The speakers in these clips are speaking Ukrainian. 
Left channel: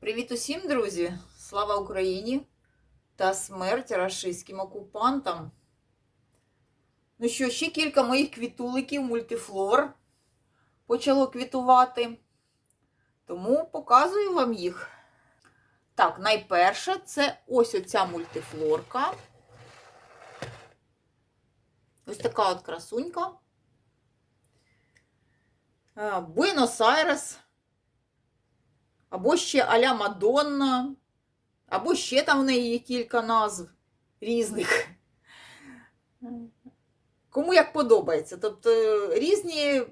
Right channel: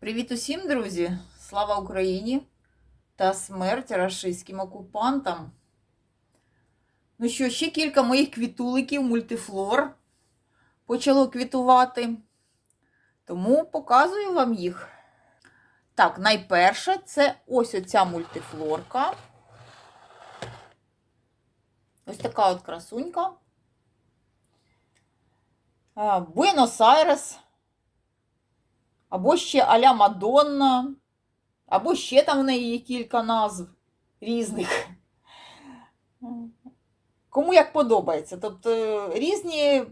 Привіт усім, друзі! Слава Україні та смерть рашистським окупантам. Ну що, ще кілька моїх квітуликів, мультифлор почало квітувати. Тому показую вам їх. Так, найперша це ось оця мультифлорка. Ось така от красунька. Буенос-Айрес. Або ще Аля Мадонна, або ще там в неї є кілька назв різних. Кому як подобається. Тобто різні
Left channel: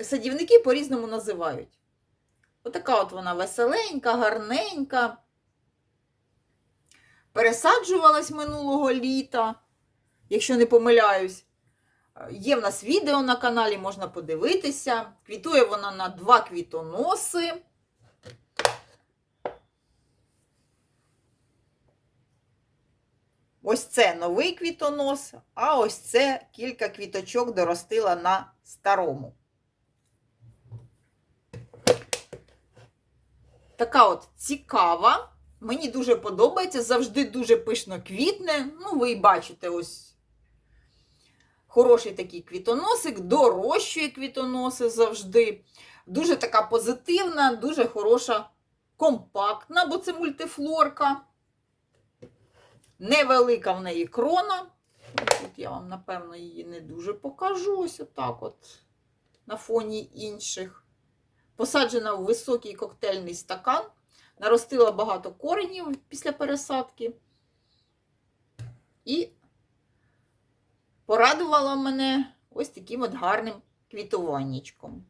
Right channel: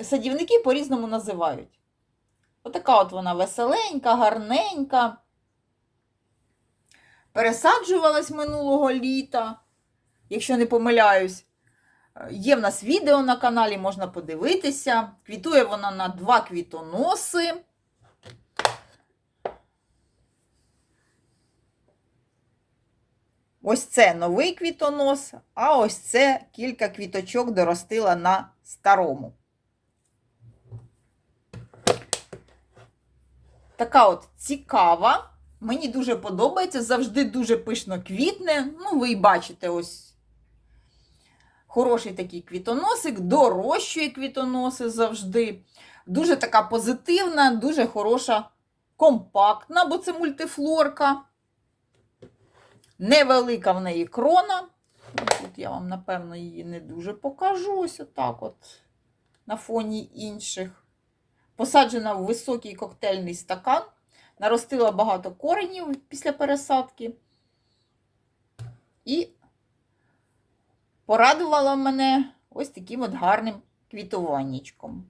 садівники по-різному називають. Отака от вона веселенька, гарненька. Пересаджувалась минулого літа, якщо не помиляюсь. Є в нас відео на каналі, можна подивитися. Квітує вона на два квітоноси. Ось це новий квітонос, а ось це кілька квіточок доростила на старому. Така от цікава. Мені дуже подобається, завжди дуже пишно квітне. Ну, ви бачите, ось хороший такий квітоносик, дорощує квітоноси завжди. Дуже така позитивна, дуже хороша, компактна, бо це мультифлорка. Невелика в неї крона. Тут я вам, напевно, її не дуже покажу. Ось отак от на фоні інших. Посаджена в високий коктейльний стакан. Наростила багато коренів після пересадки. І порадувала мене ось таким от гарним квітуваннячком.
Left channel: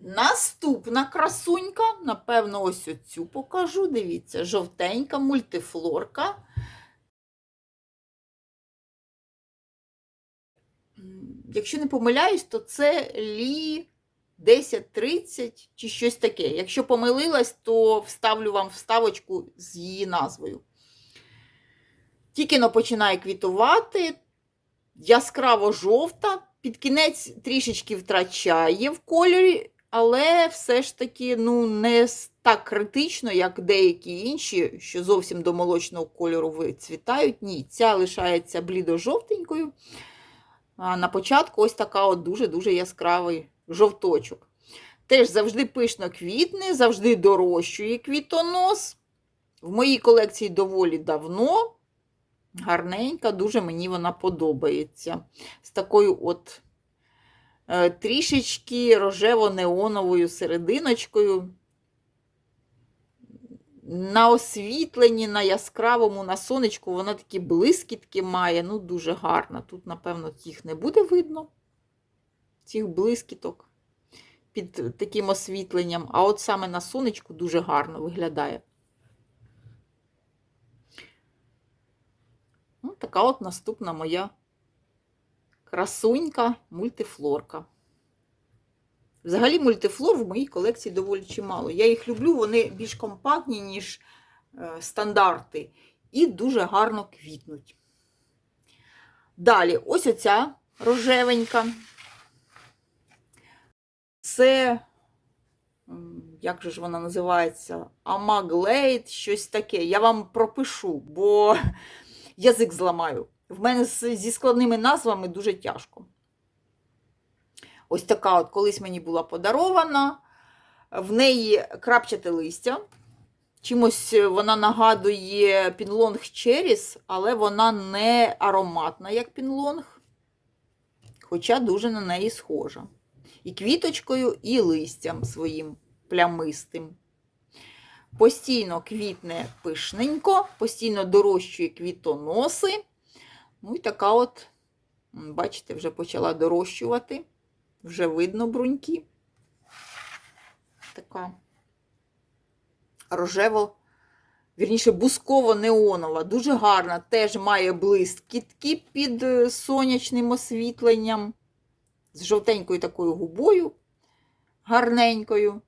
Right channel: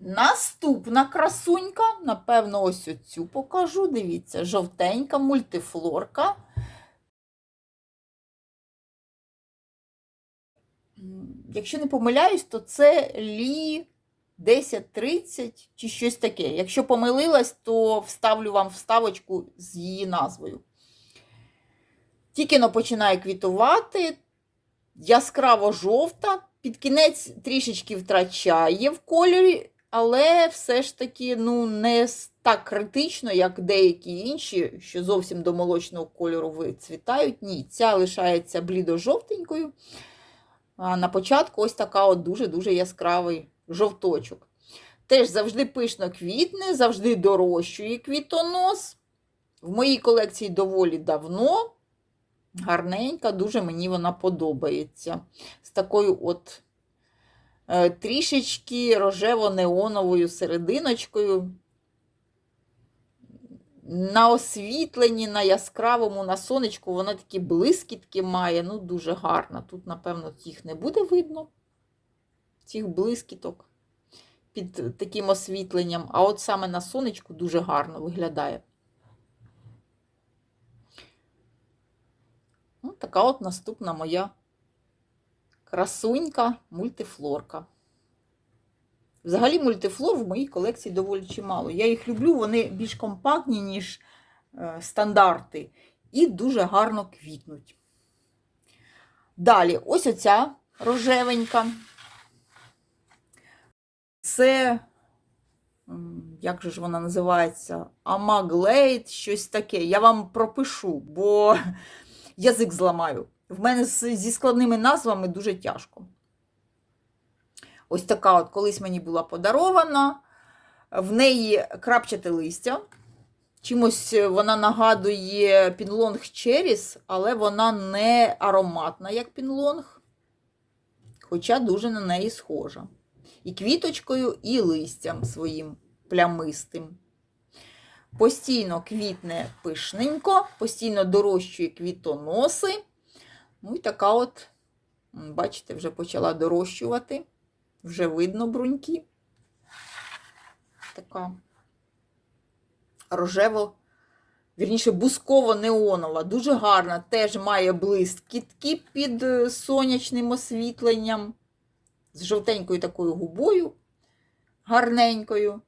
Наступна красунька, напевно, ось оцю покажу. Дивіться, жовтенька мультифлорка. Якщо не помиляюсь, то це лі 1030 чи щось таке. Якщо помилилась, то вставлю вам вставочку з її назвою. Тільки но починає квітувати, яскраво жовта, під кінець трішечки втрачає в кольорі, але все ж таки ну, не так критично, як деякі інші, що зовсім до молочного кольору вицвітають. Ні, ця лишається блідо-жовтенькою. А на початку ось така от дуже-дуже яскравий жовточок. Теж завжди пишно квітне, завжди дорощує квітонос. В моїй колекції доволі давно. Гарненька, дуже мені вона подобається. З такою от Е, трішечки рожево-неоновою серединочкою. На освітленні, на яскравому, на сонечку, вона такі блискітки має, ну, дуже гарна. Тут, напевно, їх не буде видно, цих блискіток під таким освітленням. А от саме на сонечку дуже гарно виглядає. Така от наступна моя красунька мультифлорка. Взагалі, мультифлор в моїй колекції доволі чимало. Я їх люблю, вони більш компактні, ніж е, стандарти, і дуже гарно квітнуть. Далі, ось оця рожевенька. Це, як же ж вона називається? Амаглейт, щось таке. Я вам пропишу, бо язик зламаю. В мене зі складними назвами дуже тяжко. Ось така от колись мені була подарована. В неї крапчате листя. Чимось вона нагадує пінлонг Черіс, але вона не ароматна, як пінлонг, хоча дуже на неї схожа. І квіточкою, і листям своїм плямистим. Постійно квітне пишненько, постійно дорощує квітоноси. Ну і така от, бачите, вже почала дорощувати. Вже видно бруньки. Така рожево, вірніше, бусково-неонова, дуже гарна, теж має блискітки під е, сонячним освітленням, з жовтенькою такою губою, гарненькою.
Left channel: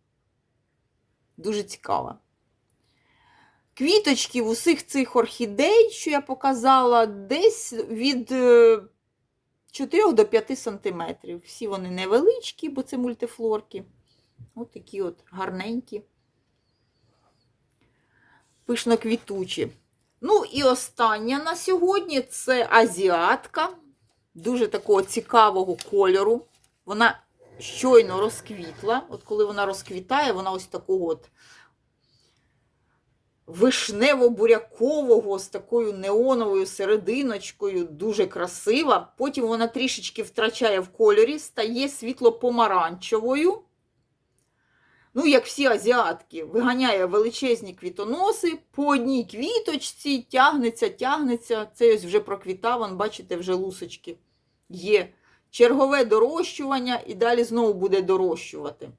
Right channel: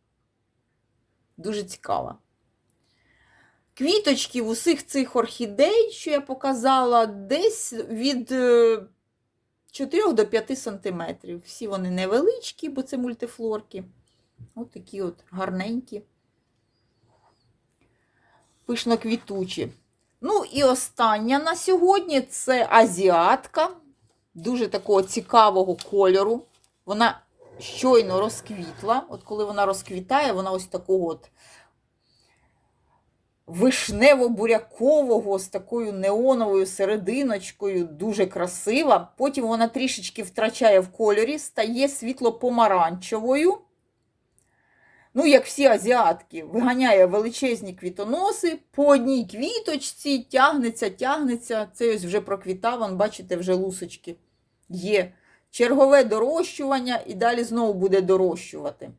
Дуже цікава. Квіточки усіх цих орхідей, що я показала, десь від 4 до 5 см. Всі вони невеличкі, бо це мультифлорки. Ось такі от гарненькі. Пишно квітучі. Ну і остання на сьогодні це азіатка. Дуже такого цікавого кольору. Вона щойно розквітла. От коли вона розквітає, вона ось такого от вишнево-бурякового з такою неоновою серединочкою, дуже красива. Потім вона трішечки втрачає в кольорі, стає світло-помаранчевою. Ну, як всі азіатки, виганяє величезні квітоноси, по одній квіточці тягнеться, тягнеться. Це ось вже проквітав, вон, бачите, вже лусочки є. Чергове дорощування і далі знову буде дорощувати.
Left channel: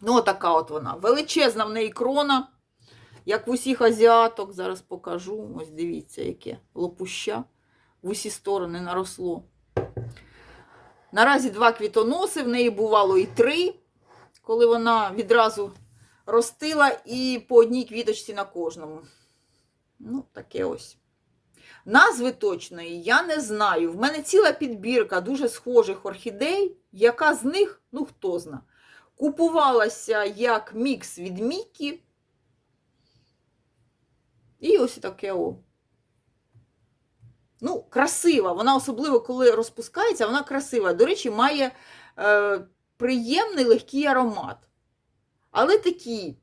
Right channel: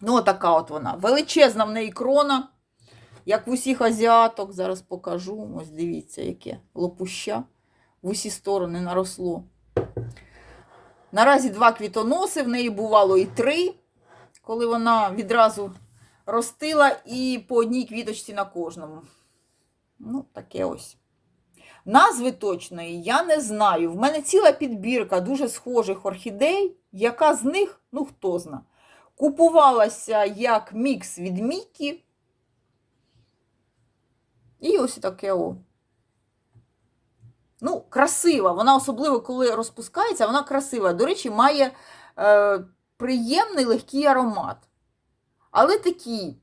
Ну, отака от вона. Величезна в неї крона, як в усіх азіаток. Зараз покажу. Ось дивіться, яке лопуща. В усі сторони наросло. Наразі два квітоноси, в неї бувало і три, коли вона відразу ростила і по одній квіточці на кожному. Ну, таке ось. Назви точної я не знаю. В мене ціла підбірка дуже схожих орхідей, яка з них, ну хто зна, купувалася як мікс від Мікі. І ось таке о. Ну, красива. Вона особливо, коли розпускається, вона красива. До речі, має е, приємний легкий аромат. Але такий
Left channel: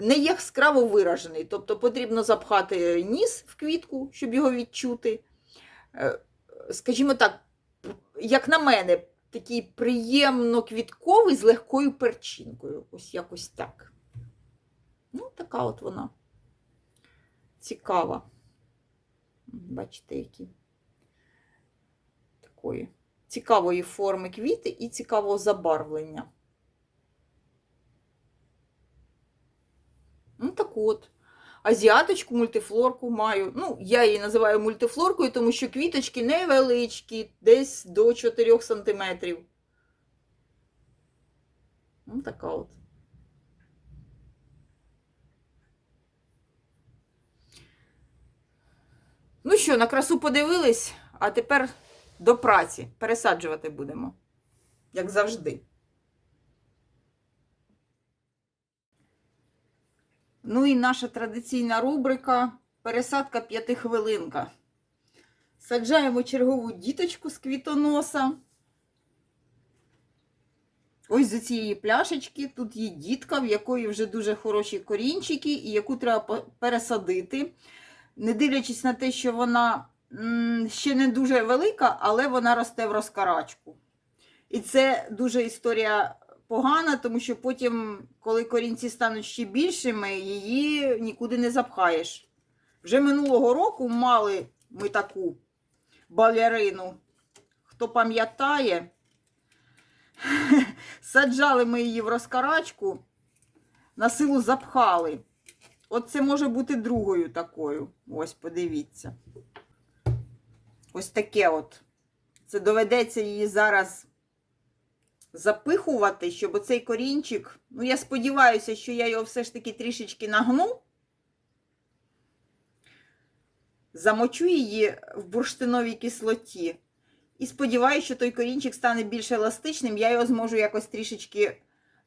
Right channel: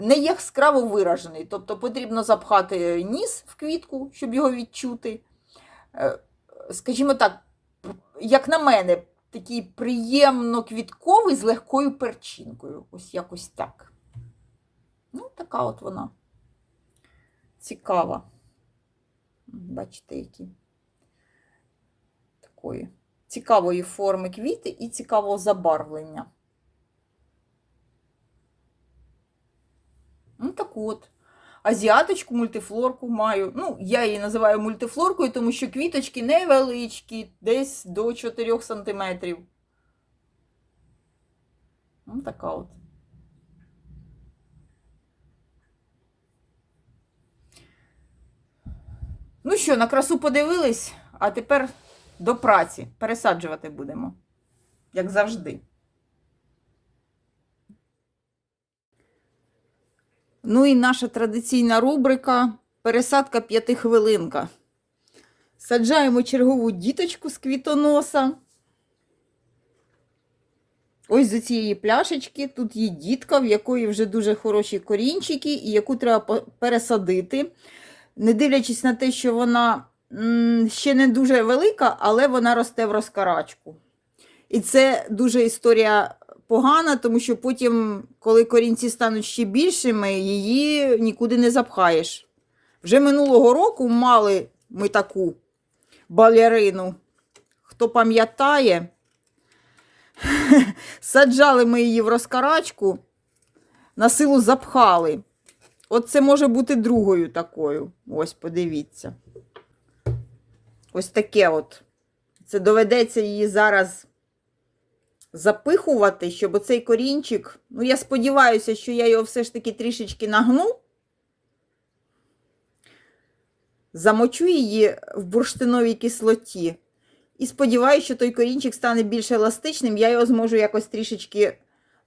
не яскраво виражений. Тобто потрібно запхати ніс в квітку, щоб його відчути. Е, Скажімо так, як на мене, такий приємно квітковий з легкою перчинкою. Ось якось так. Ну, така от вона. Цікава. Бачите, які такої цікавої форми квіти і цікавого забарвлення. Ну, так от. Азіаточку, мультифлорку маю. Ну, я її називаю мультифлоркою, тому що квіточки невеличкі, десь до 4 см. Ну, така от. Ну що, на красу подивились, а тепер до праці. Пересаджувати будемо, як завжди. Ну і наша традиційна рубрика пересадка п'ятихвилинка. Саджаємо чергову діточку з квітоноса. Ось з цієї пляшечки. Тут є дітка, в якої вже дуже хороші корінчики, і яку треба пересадити. Не дивлячись на те, що вона ще не дуже велика, але вона росте в розкарачку. І це дуже історія погана, тому що потім, коли корінці стануть ще більшими, її нікуди не запхаєш. Вже минулого року мали ми таку балерину. Хто пам'ятає, саджали ми її в розкарачку, на силу запхали. От це може бути другою такою. Ось, подивіться. Ось таке от. Це доведеться її зараз запихувати, щоб оцей корінчик. Ну, я сподіваюся, що я його все ж таки трішечки нагну. Замочу її в бурштиновій кислоті. І сподіваюся, що той корінчик стане більш еластичним, я його зможу якось трішечки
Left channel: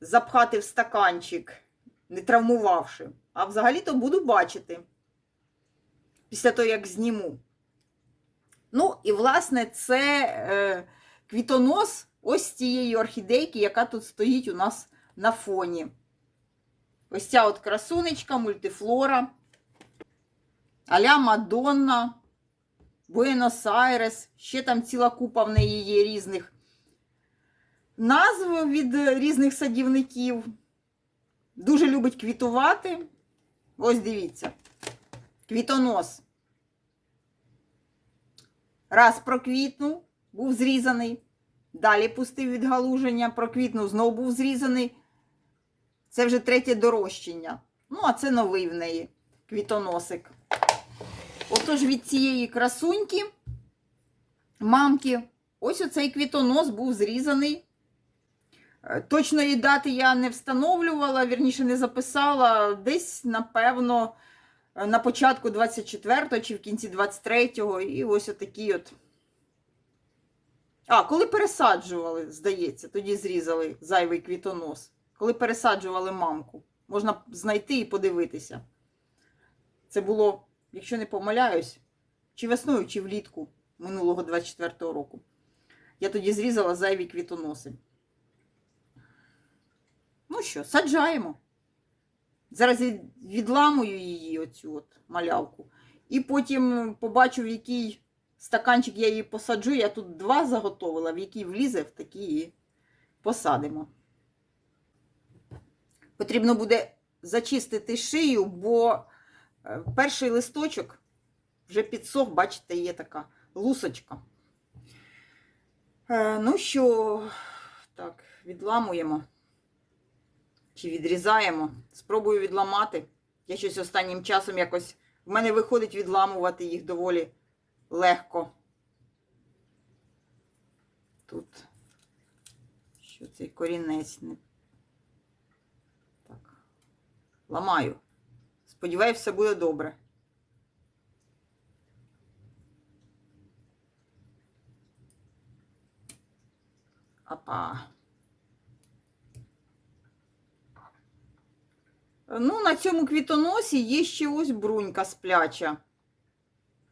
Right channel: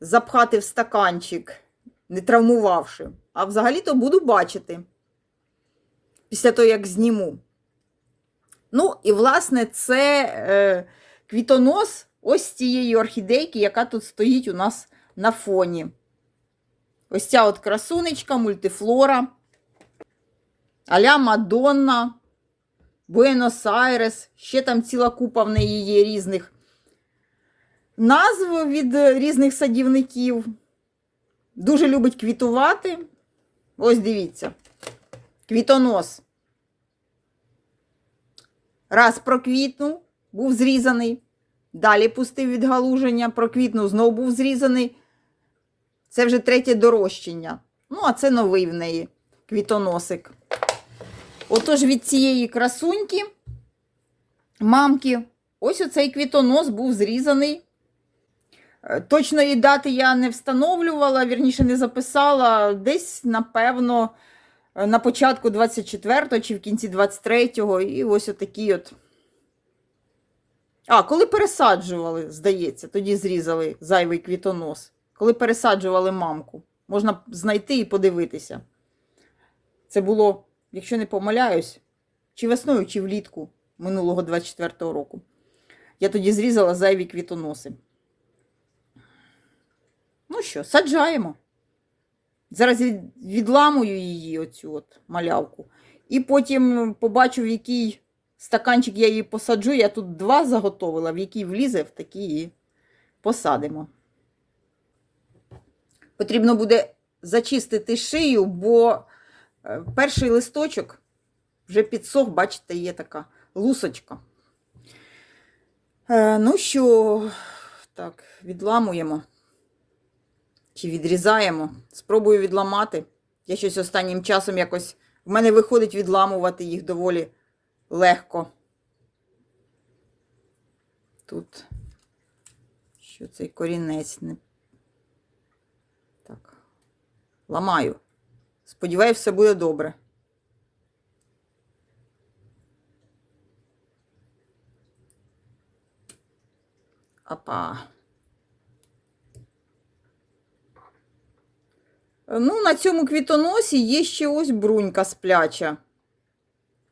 запхати в стаканчик, не травмувавши. А взагалі-то буду бачити після того, як зніму. Ну, і, власне, це е, квітонос ось цієї орхідейки, яка тут стоїть у нас на фоні. Ось ця от красунечка, мультифлора, Аля Мадонна, Буенос-Айрес, ще там ціла купа в неї є різних назв від різних садівників. Дуже любить квітувати. Ось дивіться. Квітонос. Раз проквітнув, був зрізаний. Далі пустив відгалуження, проквітнув, знову був зрізаний. Це вже третє дорощення. Ну, а це новий в неї квітоносик. Отож, від цієї красуньки, мамки, ось оцей квітонос був зрізаний. Е, Точної дати я не встановлювала, вірніше не записала. Десь, напевно, е, на початку 24-го чи в кінці 23-го. І ось отакий от А, коли пересаджували, здається, тоді зрізали зайвий квітонос. Коли пересаджували мамку. Можна знайти і подивитися. Це було, якщо не помиляюсь, чи весною, чи влітку минулого 24-го року. Я тоді зрізала зайві квітоноси. Ну що, саджаємо. Зараз від- відламую її, оцю от малявку. І потім побачу, в який стаканчик я її посаджу. Я тут два заготовила, в який влізе, в такий і посадимо. Потрібно буде зачистити шию, бо е, перший листочок вже підсох, бачите, є така лусочка. Е, ну що, так, відламуємо чи відрізаємо. Спробую відламати. Я щось останнім часом якось. В мене виходить відламувати їх доволі легко. Тут що цей корінець не. Так. Ламаю. Сподіваюсь, все буде добре. Апа. Ну, на цьому квітоносі є ще ось брунька спляча.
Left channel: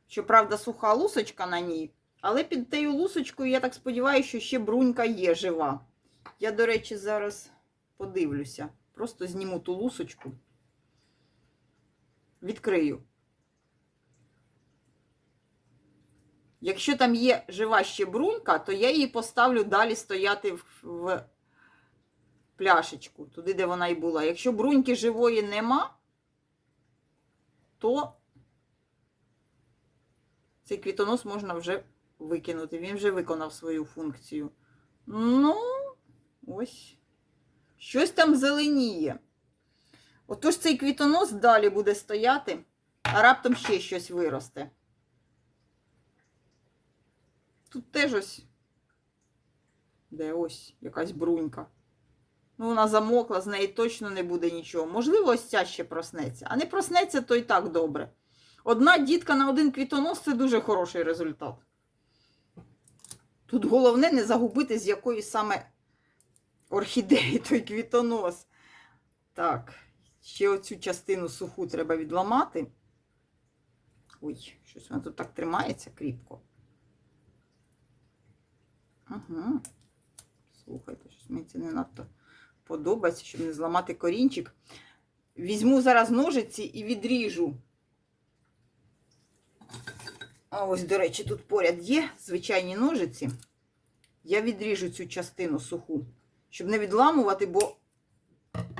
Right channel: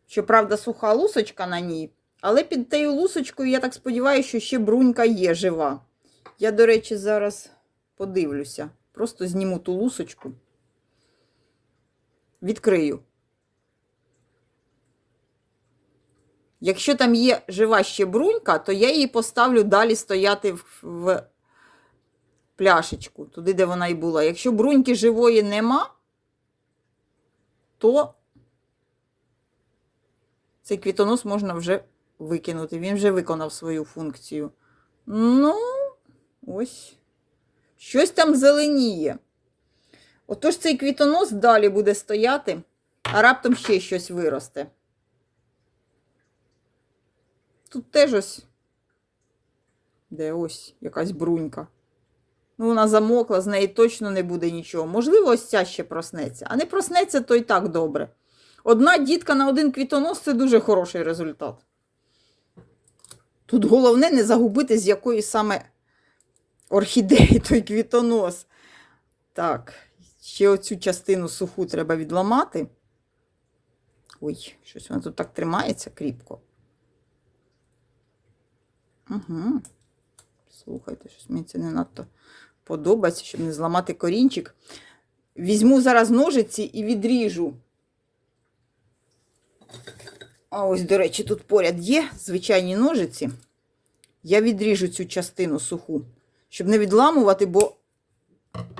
Щоправда, суха лусочка на ній. Але під тією лусочкою, я так сподіваюся, що ще брунька є жива. Я, до речі, зараз подивлюся. Просто зніму ту лусочку. Відкрию. Якщо там є жива ще брунька, то я її поставлю далі стояти в, пляшечку, туди, де вона і була. Якщо бруньки живої нема, то цей квітонос можна вже викинути. Він вже виконав свою функцію. Ну, ось. Щось там зеленіє. Отож цей квітонос далі буде стояти, а раптом ще щось виросте. Тут теж ось. Де ось якась брунька. Ну, вона замокла, з неї точно не буде нічого. Можливо, ось ця ще проснеться. А не проснеться, то і так добре. Одна дітка на один квітонос це дуже хороший результат. Тут головне не загубити, з якої саме орхідеї той квітонос. Так, ще оцю частину суху треба відламати. Ой, щось вона тут так тримається кріпко. Угу. Слухайте, щось мені це не надто подобається, щоб не зламати корінчик. Візьму зараз ножиці і відріжу. А ось, до речі, тут поряд є звичайні ножиці. Я відріжу цю частину суху, щоб не відламувати, бо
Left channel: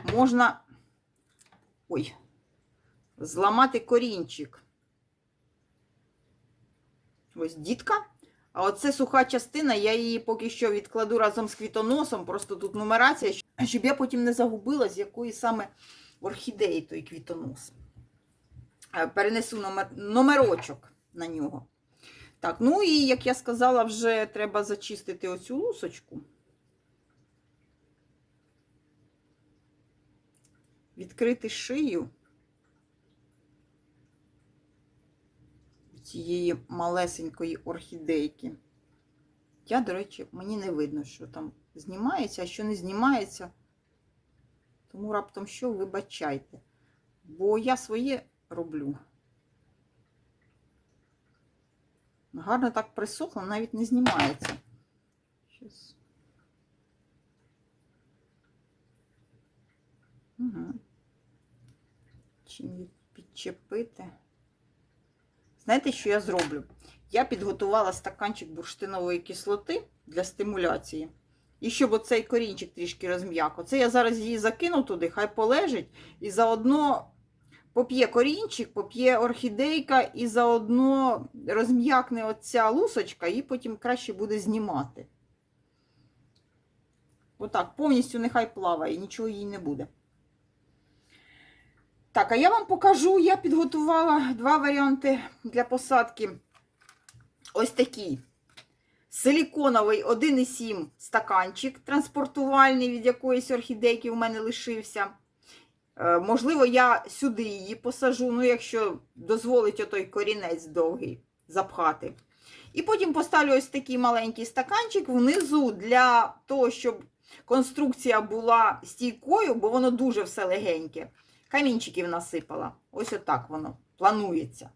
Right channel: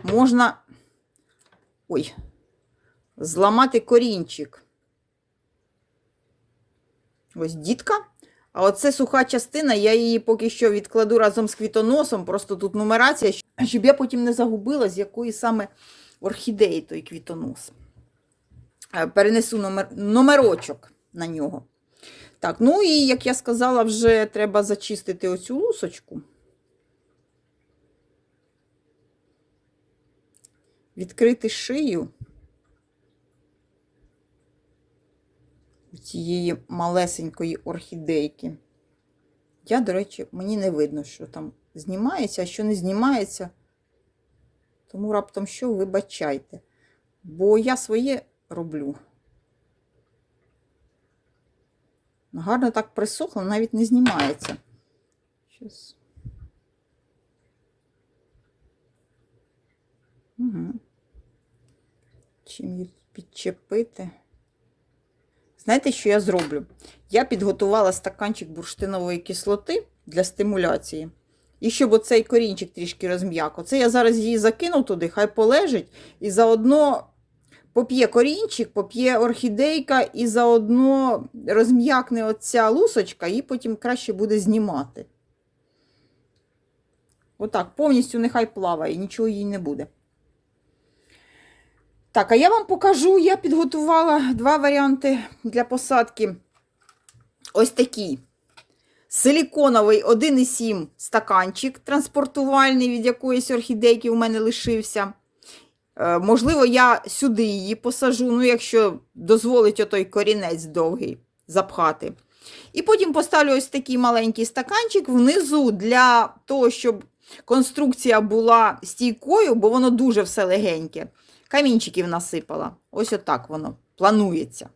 можна ой, зламати корінчик. Ось дітка. А оце суха частина, я її поки що відкладу разом з квітоносом. Просто тут нумерація, щоб я потім не загубила, з якої саме орхідеї той квітонос. Е, Перенесу номер, номерочок на нього. Так, ну і, як я сказала, вже треба зачистити оцю лусочку. Відкрити шию. Цієї малесенької орхідейки. Я, до речі, мені не видно, що там знімається, а що не знімається. Тому раптом що, вибачайте. Бо я своє роблю. Гарно так присохло, навіть не знімається. Щас. Угу. Чим її підчепити? Знаєте, що я зроблю? Я підготувала стаканчик бурштинової кислоти для стимуляції. І щоб оцей корінчик трішки розм'як. Оце я зараз її закину туди, хай полежить. І заодно поп'є корінчик, поп'є орхідейка, і заодно розм'якне оця лусочка, і потім краще буде знімати. Отак, повністю нехай плаває, нічого їй не буде. Так, а я вам покажу, я підготувала два варіанти для посадки. Ось такий силіконовий 1,7 стаканчик транспортувальний від якоїсь орхідейки у мене лишився. Е, можливо, я сюди її посажу, ну, якщо дозволить отой корінець довгий запхати. І потім поставлю ось такий маленький стаканчик внизу для того, щоб конструкція була стійкою, бо воно дуже все легеньке. Камінчиків насипала. Ось отак воно планується.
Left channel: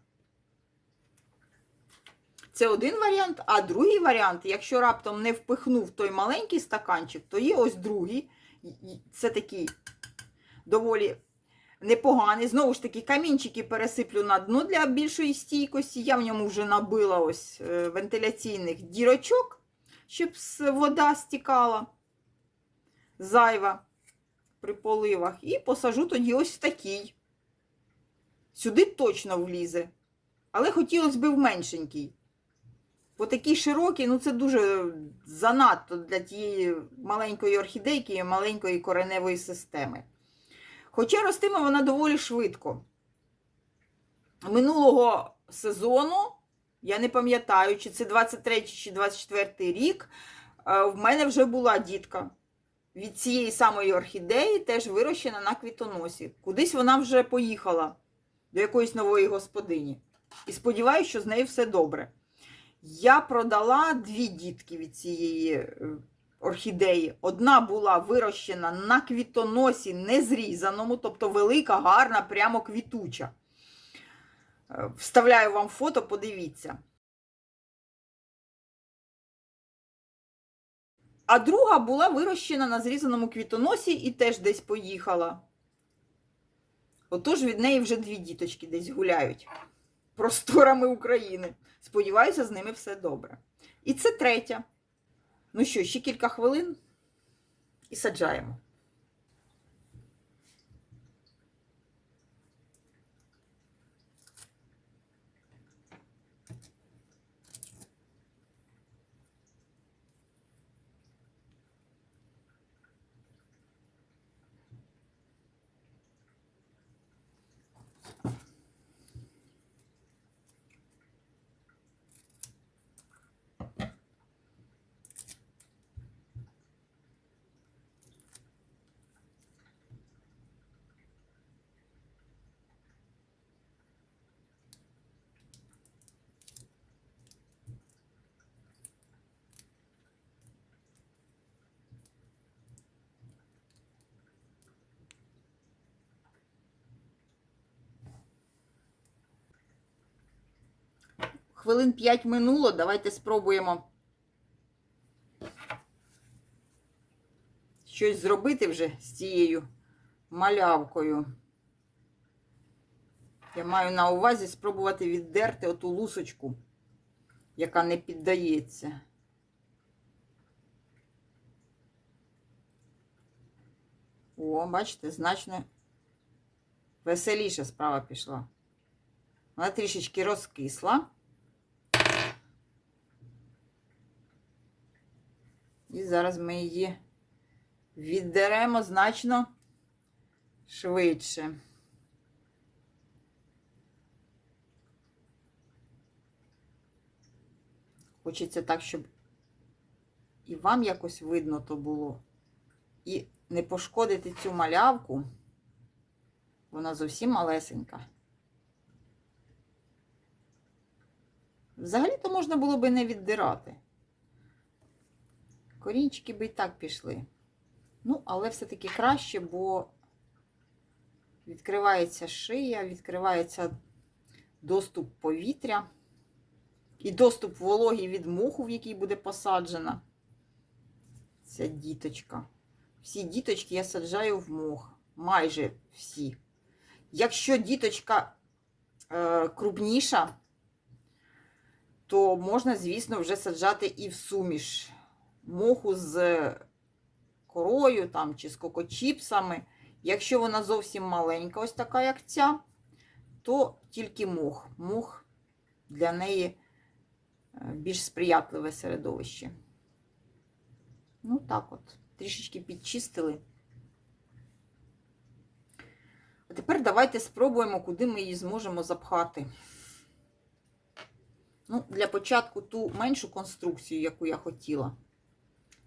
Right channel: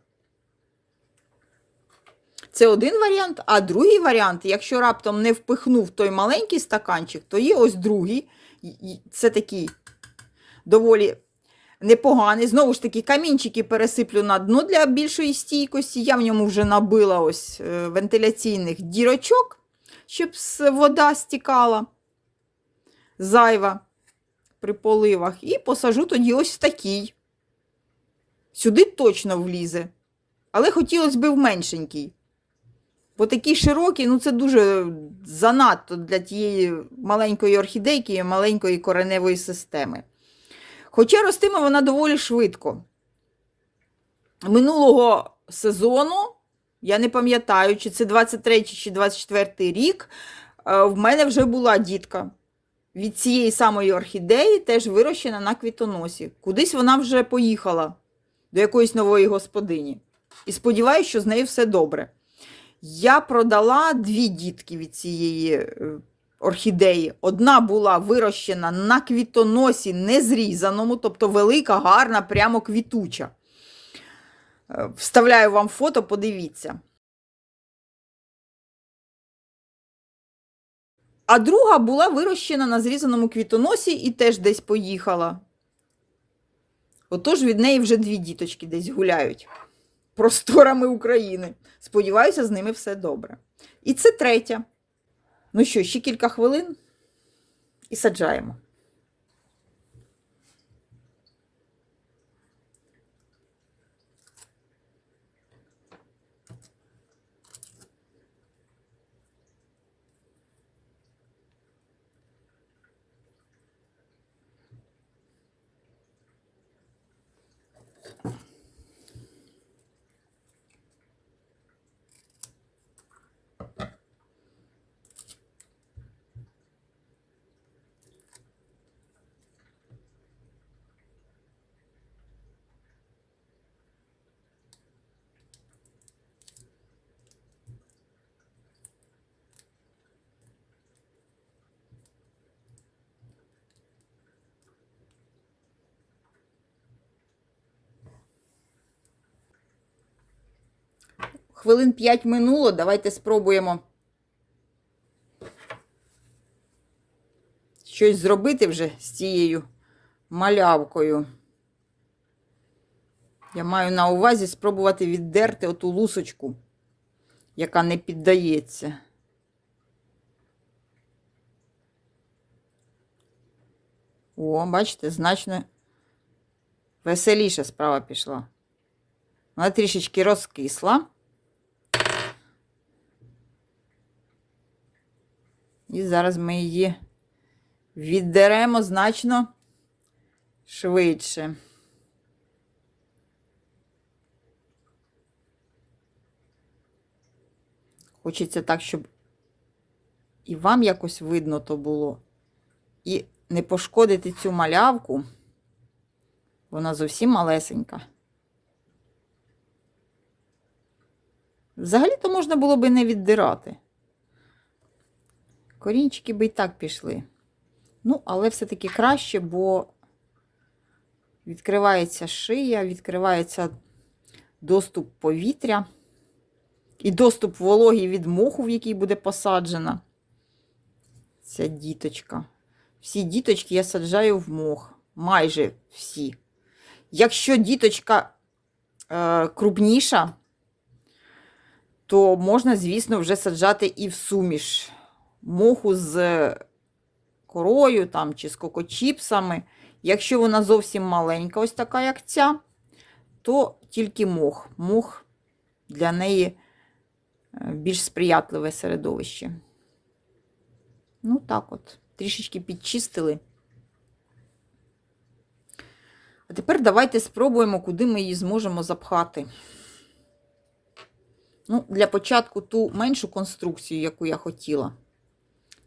Це один варіант, а другий варіант, якщо раптом не впихнув той маленький стаканчик, то є ось другий. Це такий доволі непоганий. Знову ж таки, камінчики пересиплю на дно для більшої стійкості. Я в ньому вже набила ось е, вентиляційних дірочок, щоб вода стікала зайва при поливах. І посажу тоді ось такий. Сюди точно влізе. Але хотілося б в меншенький. Бо такий широкий, ну це дуже занадто для тієї маленької орхідейки і маленької кореневої системи. Хоча ростиме вона доволі швидко. Минулого сезону, я не пам'ятаю, чи це 23 чи 24 рік, е, в мене вже була дітка. Від цієї самої орхідеї теж вирощена на квітоносі. Кудись вона вже поїхала до якоїсь нової господині. І сподіваюся, що з нею все добре. Я продала дві дітки від цієї е, орхідеї. Одна була вирощена на квітоносі незрізаному, тобто велика, гарна, прямо квітуча. Е, Вставляю вам фото, подивіться. А друга була вирощена на зрізаному квітоносі і теж десь поїхала. Отож від неї вже дві діточки десь гуляють просторами України. Сподіваюся, з ними все добре. І це третя. Ну що, ще кілька хвилин і саджаємо. Хвилин 5 минуло. Давайте спробуємо щось зробити вже з цією малявкою. Я маю на увазі спробувати віддерти оту лусочку, яка не піддається. О, бачите, значно веселіша справа пішла. Вона трішечки розкисла. І зараз ми її віддеремо значно швидше. Хочеться так, щоб і вам якось видно то було. І не пошкодити цю малявку. Вона зовсім малесенька. Взагалі-то можна було би не віддирати. Корінчики би і так пішли. Ну, але все-таки краще, бо відкривається шия, відкривається доступ повітря і доступ вологі від моху, в який буде посаджена ця діточка. Всі діточки я саджаю в мох. Майже всі. Якщо діточка е, крупніша, то можна, звісно, вже саджати і в суміш моху з корою там, чи з кокочіпсами. Якщо вона зовсім маленька, ось така, як ця, то тільки мох. Мох для неї е, більш сприятливе середовище. Ну, так от, трішечки підчистили. А тепер давайте спробуємо, куди ми її зможемо запхати. Ну, Для початку ту меншу конструкцію, яку я хотіла.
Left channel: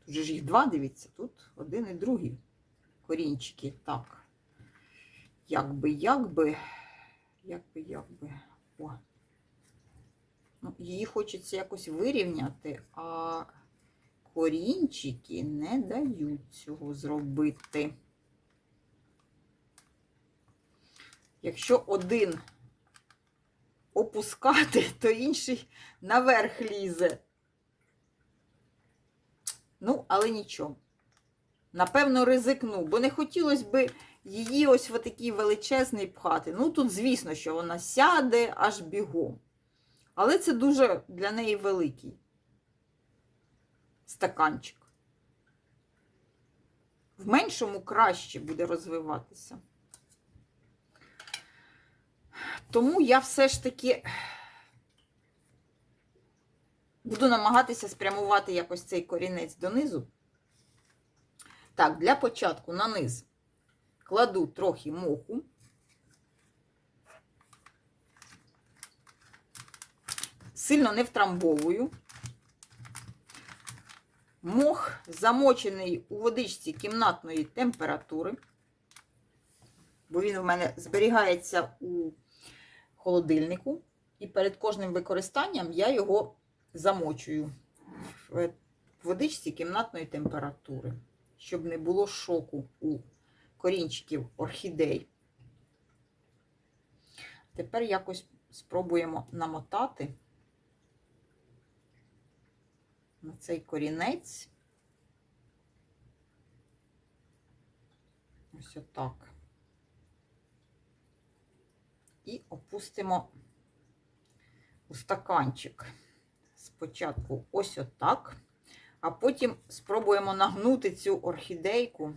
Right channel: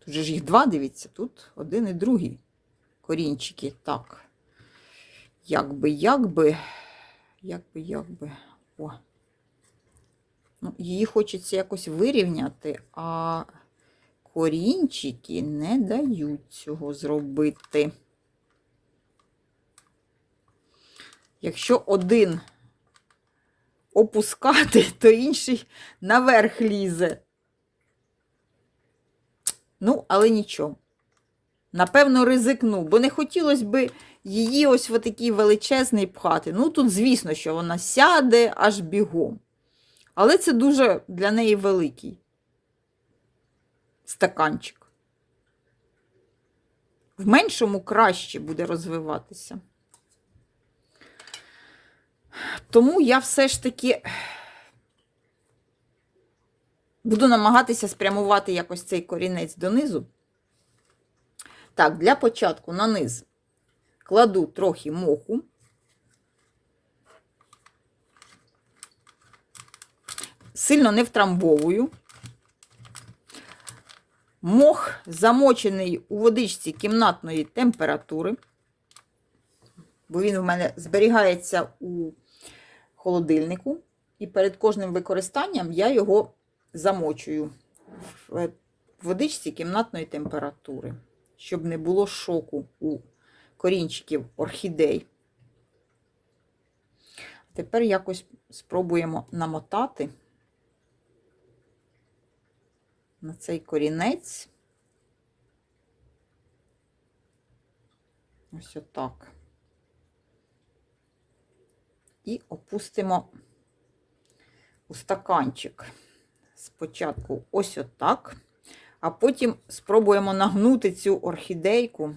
Тут же ж їх два, дивіться, тут один і другий корінчики. Так. Як би, як би, як як би. О. Ну, її хочеться якось вирівняти, а корінчики не дають цього зробити. Якщо один опускати, то інший наверх лізе. Ну, але нічого. Напевно, ризикну, бо не хотілося б її ось в такий величезний пхати. Ну, тут, звісно, що вона сяде аж бігом. Але це дуже для неї великий стаканчик. В меншому краще буде розвиватися. Тому я все ж таки буду намагатися спрямувати якось цей корінець донизу. Так, для початку на низ кладу трохи моху. Сильно не втрамбовую. Мох замочений у водичці кімнатної температури, бо він в мене зберігається у холодильнику. І перед кожним використанням я його замочую в водичці кімнатної температури, щоб не було шоку у корінчиків орхідей. Тепер якось спробуємо намотати на цей корінець. Ось отак. І опустимо у стаканчик. Спочатку ось отак, а потім спробуємо нагнути цю орхідейку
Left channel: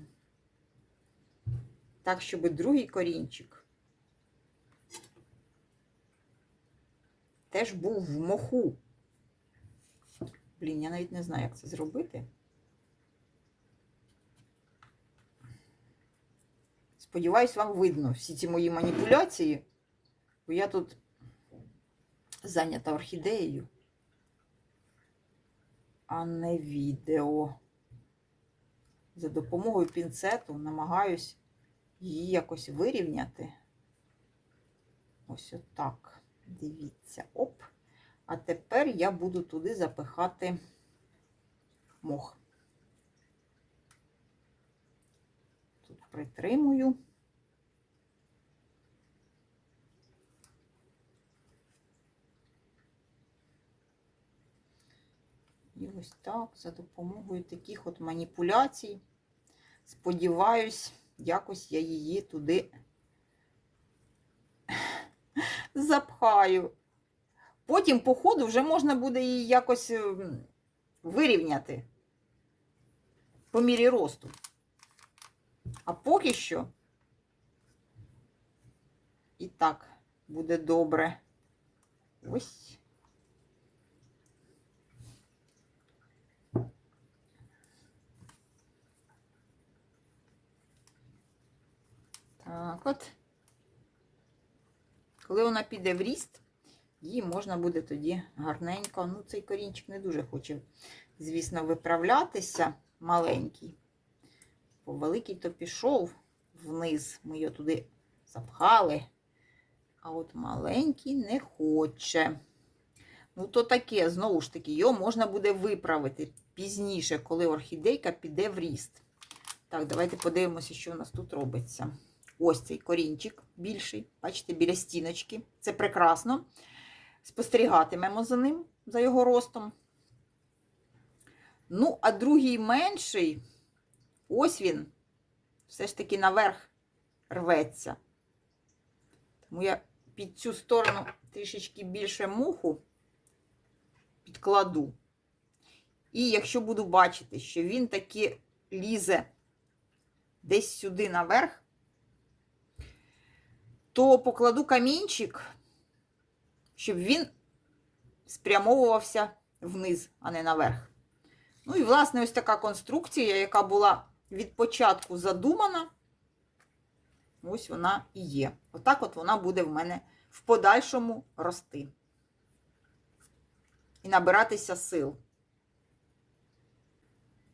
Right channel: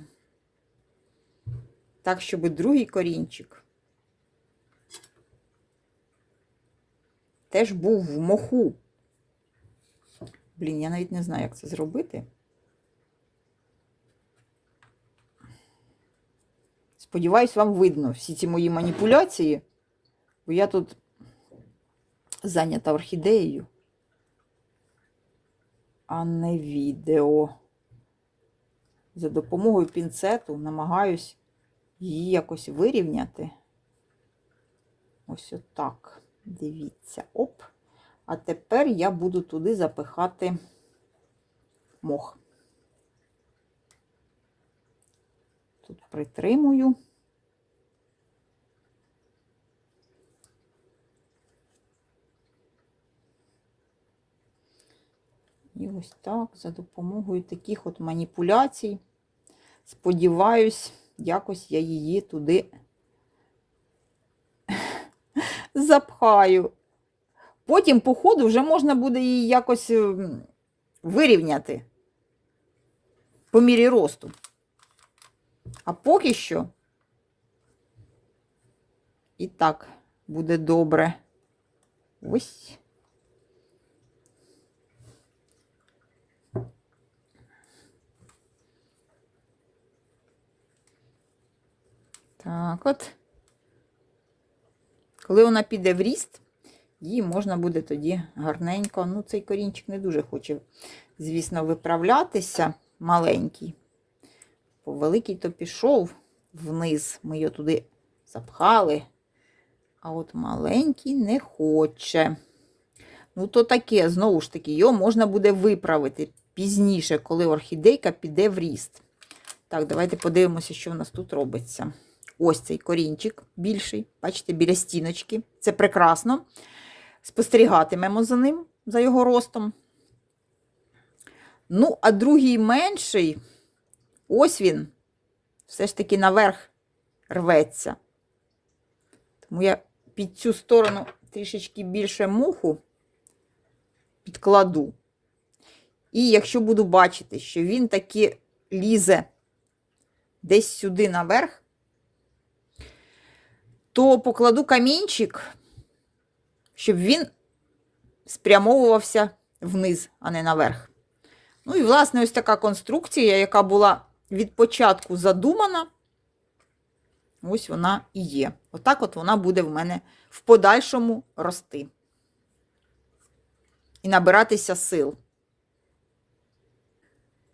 так, щоб другий корінчик теж був в моху. Блін, я навіть не знаю, як це зробити. Сподіваюсь, вам видно всі ці мої маніпуляції, бо я тут зайнята орхідеєю, а не відео. За допомогою пінцету намагаюсь її якось вирівняти. Ось отак. Дивіться, оп. А тепер я буду туди запихати мох. Тут притримую. І ось так, за допомогою таких от маніпуляцій, сподіваюсь, якось я її туди запхаю. Потім, по ходу, вже можна буде її якось ем, вирівняти по мірі росту. А поки що і так буде добре. Ось. Так от. Коли вона піде в ріст, її можна буде тоді гарненько. Ну, цей корінчик не дуже хоче, звісно, виправлятися маленький. Бо великий то пішов вниз. Ми його туди запхали. А от маленький не хоче. Ну, то таке, знову ж таки, його можна буде виправити пізніше, коли орхідейка піде в ріст. Так, давайте подивимося, що в нас тут робиться. Ось цей корінчик більший, бачите, біля стіночки. Це прекрасно. Спостерігатимемо за ним, за його ростом. Ну, а другий менший, ось він, все ж таки наверх рветься. Тому я під цю сторону трішечки більше муху підкладу. І якщо буду бачити, що він таки лізе десь сюди наверх, то покладу камінчик, щоб він спрямовувався вниз, а не наверх. Ну і, власне, ось така конструкція, яка була від початку задумана, ось вона і є. Отак от вона буде в мене в подальшому рости. І набиратися сил.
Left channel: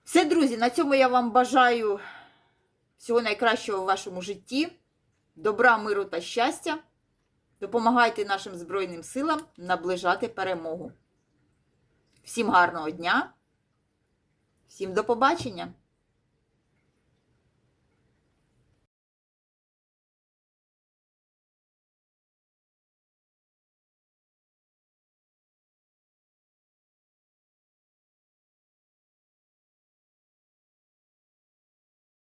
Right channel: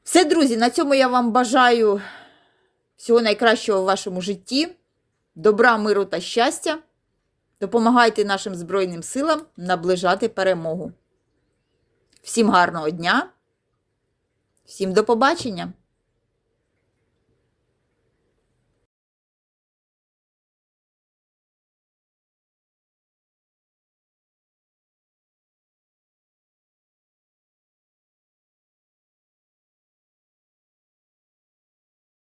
Все, друзі, на цьому я вам бажаю всього найкращого в вашому житті добра, миру та щастя. Допомагайте нашим Збройним силам наближати перемогу. Всім гарного дня, всім до побачення!